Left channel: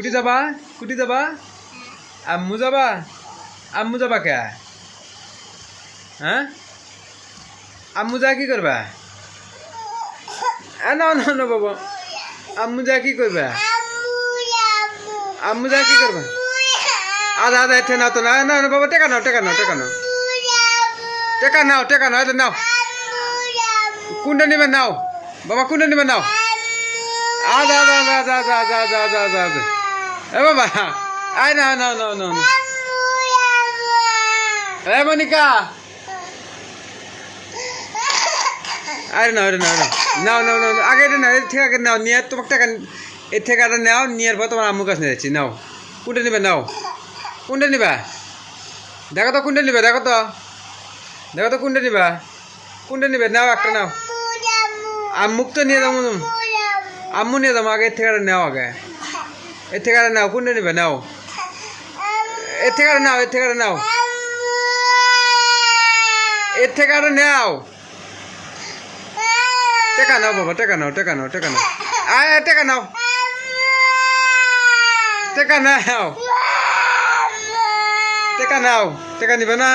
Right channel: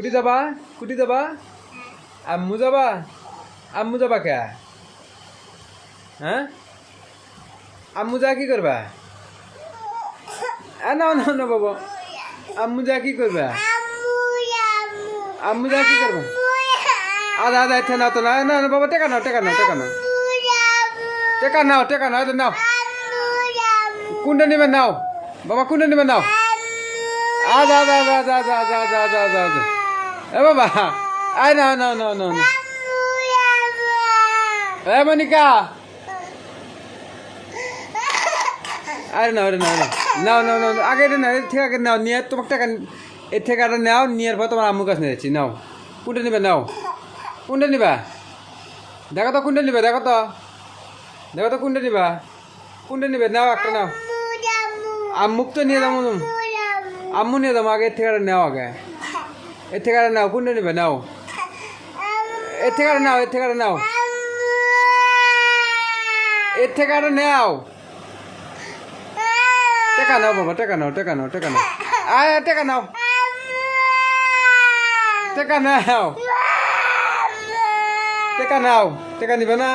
কুটি যাবা কুটি যাবা আম্মু যাবা কে হ্যাঁ আম্মু যা কি করবা না না না বাবা আম্মু যা কি করবা আম্মু যা কি করবা আদা আদা এতে নাও তো না না না বাবা টেকা নাও টেকা নাও টেকা নাও টেকা নাও টেকা নাও এটা নাও কোনটা নিবে নাও বাবা কোনটা নিবে নাও আদা আদা আদা আদা আদা আদা আদা আদা আদা এ বাবা আয় নাও নাও নাও নাও এ মনিকা আরে নাও নাও নাও নাও নাও নাও আগে নাও এর থেকে আগে নাও নিয়ে তোমার টাকা এর থেকে আগে নাও নিয়ে পর তোমার আম্মুর কাছে নিয়ে যাচ্ছি নাও কোনটা নিবে নাও কোনটা নিবা দেখো তো কোনটা নিবে দেখো তো কোনটা নিবা কোনটা নিবে নাও একটা নাও আম্মুক তো নিয়ে যাবো আম্মু নিয়ে যাবো আগে এর থেকে আগে নাও আগে এর থেকে আগে নাও কোনটা নিবে নাও এর থেকে আগে নাও এর থেকে আগে নাও এর থেকে আগে নাও টেকা নাও বাবা টেকা নাও টেকা নাও টেকা নাও আয় টেকা নাও টেকা নাও টেকা নাও টেকা নিবে না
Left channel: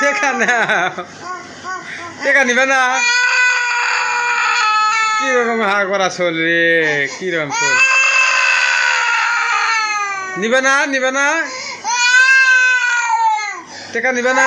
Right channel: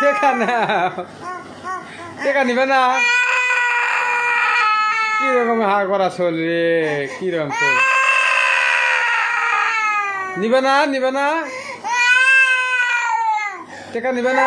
টেকা নাও টেকা নিবে না কিরকম হা করা চল রে কিরকম চল নিবে না টেকা নিবে না